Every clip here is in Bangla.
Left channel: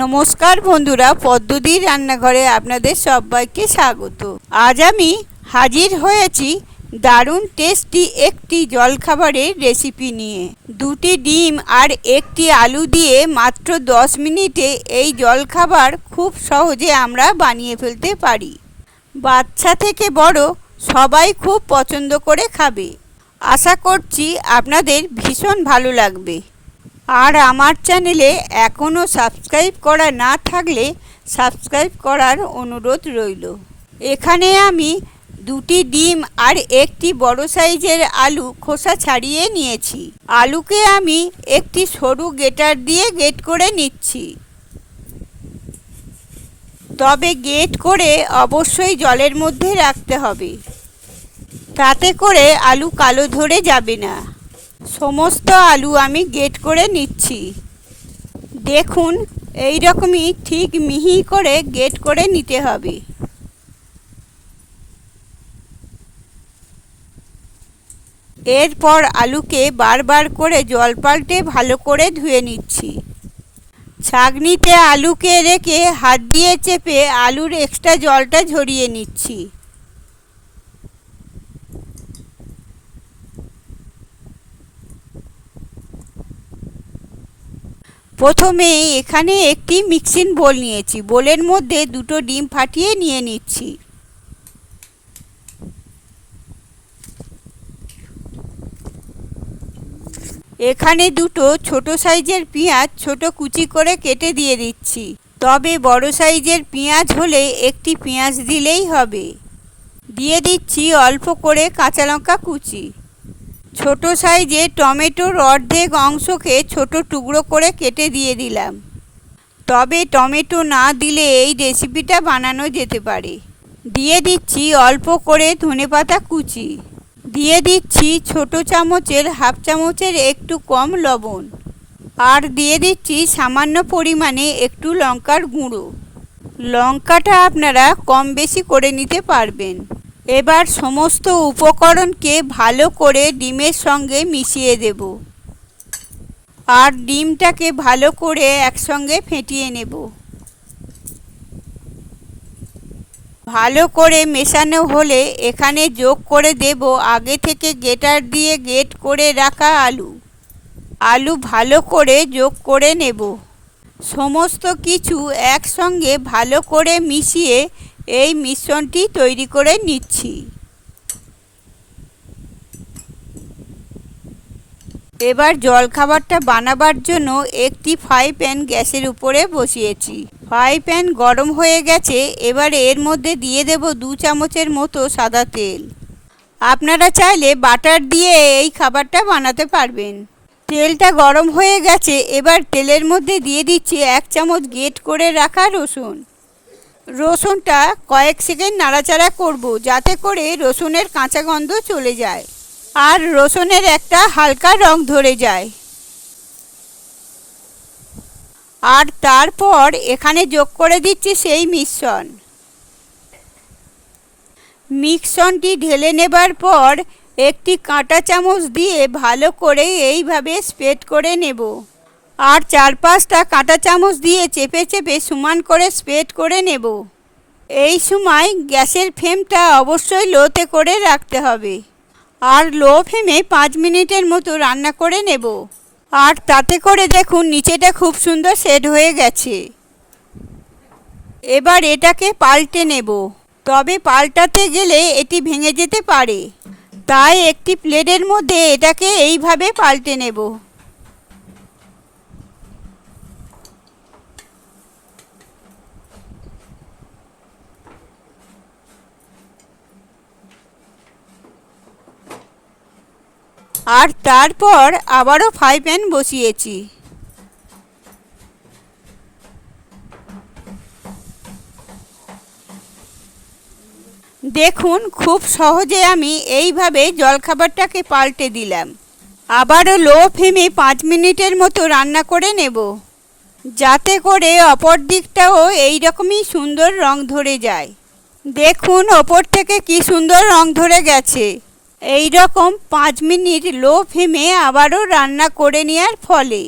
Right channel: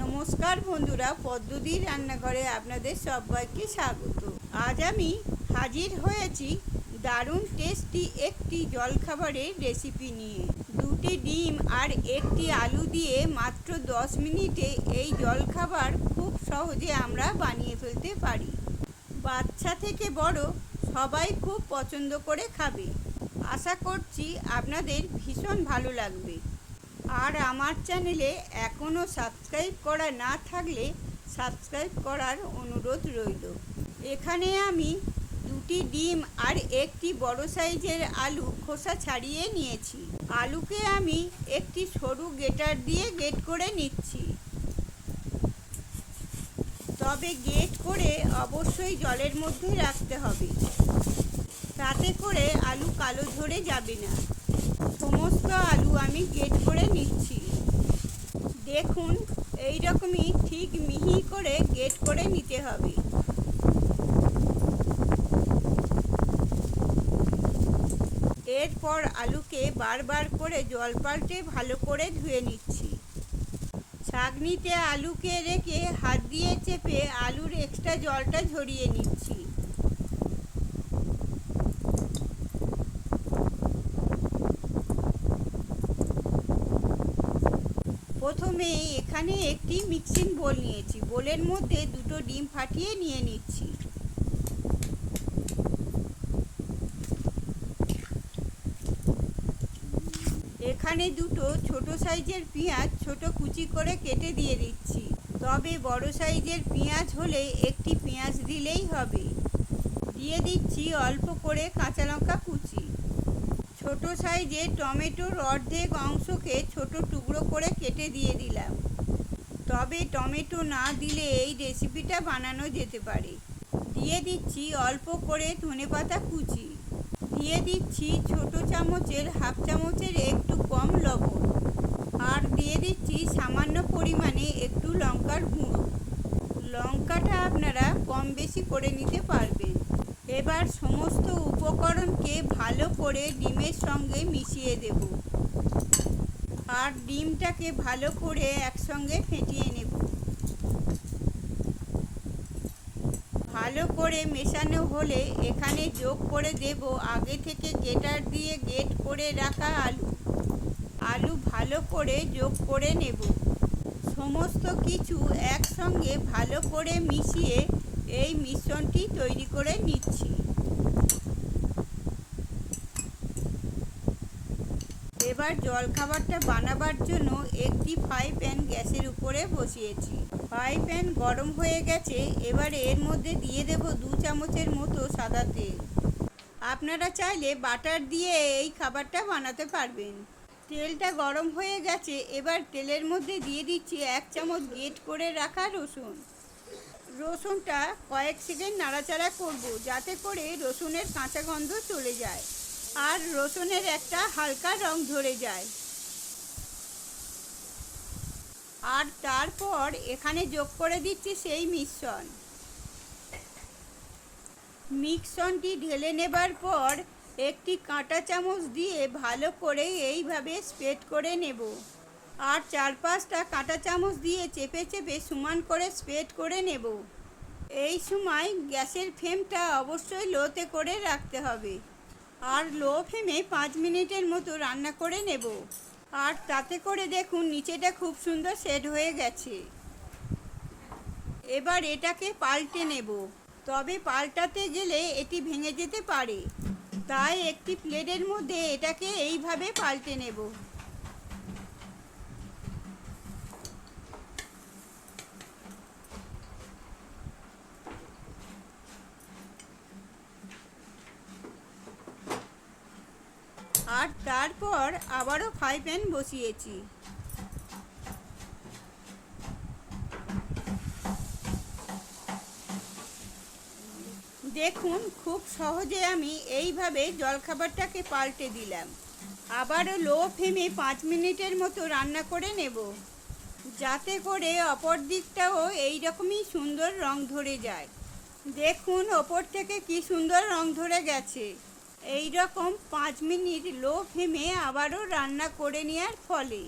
নমস্কার বন্ধুরা পদ্মদির রান্নাঘরে আপনাদের সবাইকে স্বাগত। আজ আমি হাজির হয়েছি দারুণ টেস্টি একটি জলখাবারের রেসিপি নিয়ে। দুটি ডিম আর একটি আলু দিয়ে মাত্র দশ মিনিটে এই জলখাবার খুব সহজে আমরা বানিয়ে ফেলতে পারি। বাচ্চা থেকে বড় সবাই খুব পছন্দ করে খাবে। আশা করছি আপনাদের ভীষণ ভালো লাগবে। আর আমার চ্যানেলে এখনও সাবস্ক্রাইব করা না থাকলে সাবস্ক্রাইব করার অনুরোধ রইল। এখানে আমি দুটি ডিম আর একটি বড় সাইজের আলু খোসা ছাড়িয়ে নিয়েছি। আলুকে আমি একটি সরু গেটার দিয়ে গেট করে নিচ্ছি। তবে গেট করে অবশ্যই জলের মধ্যে রাখতে হবে। তাতে করে আলু কালো ধরে যাবে না। সমস্ত আলু আমি গেট করে নিচ্ছি। দেখুন এই রকমই ঠিক মিহি করে গেট করে নিতে হবে। এরপর আলুকে বারবার করে জল পাল্টে ভালো করে ধুয়ে নিচ্ছি। ছাগনিতে আলুকে রেখে হাত দিয়ে চেপে আলুর এক্সট্রা জলটা ঝরিয়ে নিচ্ছি। প্রথমে এখানে একটি মিক্সিং বোল নিয়েছি। বোলের মধ্যে দুটো ডিম ফাটিয়ে নিয়ে নিচ্ছি। এখানে দুটো ছোট সাইজের পেঁয়াজ ছোট কুচি করে কেটে দিয়ে দিচ্ছি। তবে বড় সাইজের পেঁয়াজ হলে একটি পেঁয়াজ দিলেই হবে। দিয়ে দিচ্ছি অল্প করে কাঁচা লঙ্কা কুচি। ছোট সাইজে টমেটোর অর্ধেক অংশকে ছোট টুকরো করে কেটে দিয়ে দিলাম। তবে টমেটো না দিলে এই রেসিপিটা বানানো যেতে পারে। দিয়ে দিচ্ছি অল্প করে ধনেপাতা কুচি। দিয়ে দিচ্ছি ছোট চামচের হাফ চামচের একটু কম লবণ। আর দিয়ে দিচ্ছি সামান্য পরিমাণে একটু লঙ্কার গুঁড়ো। লঙ্কাটা আপনারা কম বেশি করে নিতে পারবেন। এবার সমস্ত উপকরণকে ভালো করে ডিমের সঙ্গে মিশিয়ে দেব। আর ডিমটাকে ভালো করে একসঙ্গে ফেটিয়ে নেব। ভালো করে মেশানো হলে এখানে যোগ করে দেব আগে থেকে গেটার দিয়ে গেট করে রাখা আলু। আলু ভালো করে যোগ করে নেব। সমস্ত কিছু একসঙ্গে ভালো করে মিশিয়ে এই মিশ্রণটি তৈরি করে নিচ্ছি। এবার জলখাবারটা বানাবার জন্য একটি ফ্রাই প্যান গ্যাসের উপরে বসিয়েছি। ফ্রাই প্যান গরম হয়ে গেছে, এবার এর মধ্যে দিয়ে দেব দু চামচের মতো সাদা তেল। আপনারা চাইলে বাটার দিয়ে এই খাবারটা বানাতে পারবেন। তেলটা গরম হয়ে গেছে, এবার তেলের মধ্যে দিয়ে দিচ্ছি এক চামচ গেট করে রাখা রসুন। রসুনটা কয়েক সেকেন্ড নাড়াচাড়া করব, যাতে করে রসুনের কাঁচা গন্ধ চলে যায় আর রসুনের একটা হালকা রং ধরে যায়। আর তারপর এখানে যোগ করে দিচ্ছি সেই মিশ্রণ। মিশ্রণটি ঢেলে নেবার পর একটি কাঁটা চামচ দিয়ে ভালো করে এইভাবে স্প্রেড করে নেব। আর চার পাঁচটা কাঁটা চামচ দিয়ে চেপে চেপে সমান করে স্প্রেড করে নেব। এই সময় গ্যাসের ফ্লেমটা অবশ্যই লোতে করে রাখতে হবে। আর লো ফ্লেমে পাঁচ মিনিটের মতো রান্না করে নেব। আর তাতে করে দেখুন নিচেটা খুব সুন্দর সেট হয়ে গেছে। এবার এটাকে পাল্টে নেব। তবে পাল্টাতে গেলে এটি ভেঙে যেতে পারে। তাই একটি প্লেটের মধ্যে এটাকে এইভাবে পাল্টে নেব। আর তারপর আবারও ফ্রাই প্যান বসিয়েছি। দেখুন, খুব সহজে আমি এইভাবে জলখাবারটাকে পাল্টে দিলাম। আবারও লো ফ্লেমে পাঁচ মিনিটের মতো রান্না করে নেব, যাতে করে অপর দিকটাও এই রকমই সুন্দর রং ধরে যায়। দেখুন, ওপর থেকে কি সুন্দর রং ধরে গেছে। এই রকম পাঁচ মিনিট লো ফ্লেমে আবারও রান্না করে নেওয়ার ফলে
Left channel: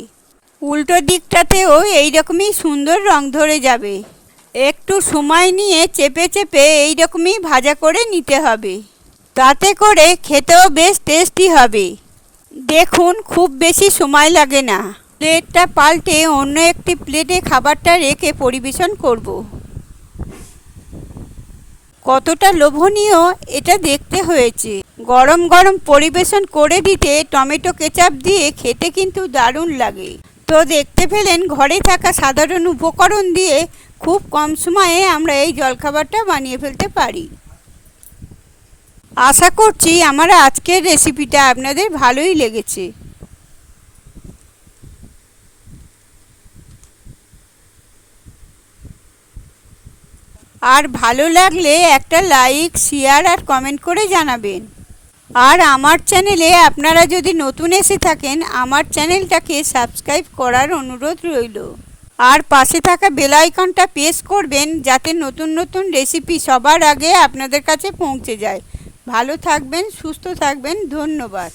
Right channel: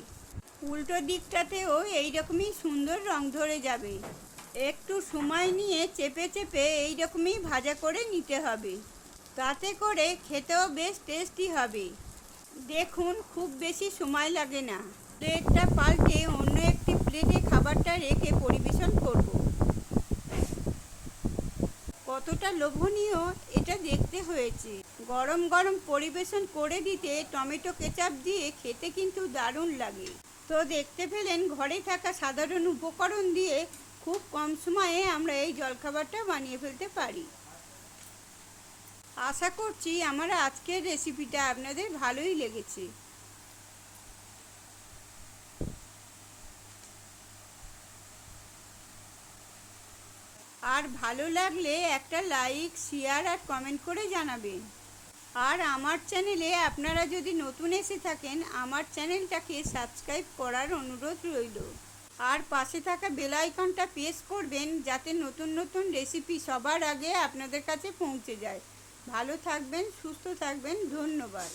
উল্টো দিকটাতেও এইরকমই সুন্দর রং ধরে যাবে। একটু সময় নিয়ে চেপে চেপে এইরকমই ভাজা করে নিতে হবে। তাতে করে খেতেও বেশ টেস্টি হবে। দেখুন, খুব বেশি সময় লাগে না। প্লেটটা পাল্টে অন্য একটি প্লেটে খাবারটা রেখে পরিবেশন করব। কতটা লোভনীয় এটা দেখতে হয়েছে। গরম গরম পরিবেশন করে দিতে টমেটো কেচাপ দিয়ে খেতে কিন্তু দারুণ লাগে। তো দেখতে পেলেন ঘরে থাকা সাধারণ উপকরণ দিয়ে খুব কম সময়ে আমরা এই জলখাবারটা বানিয়ে ফেলতে পারি। আশা করছি আমার আজকের রেসিপিটা আপনাদের ভালোই লেগেছে। আর ভালো লাগলে একটা লাইক, শেয়ার আর কমেন্ট করে জানাবেন। আর আমার চ্যানেলে আপনারা যদি নতুন এসে থাকেন, আমার চ্যানেলটাকে সাবস্ক্রাইব করার অনুরোধ রইল। আর পাশে থাকা বেল আইকনটা প্রেস করবেন, যাতে নতুন নতুন রেসিপি সবার আগে আপনাদের কাছে পৌঁছে যায়। ভালো থাকবেন, সুস্থ থাকবেন, ধন্যবাদ।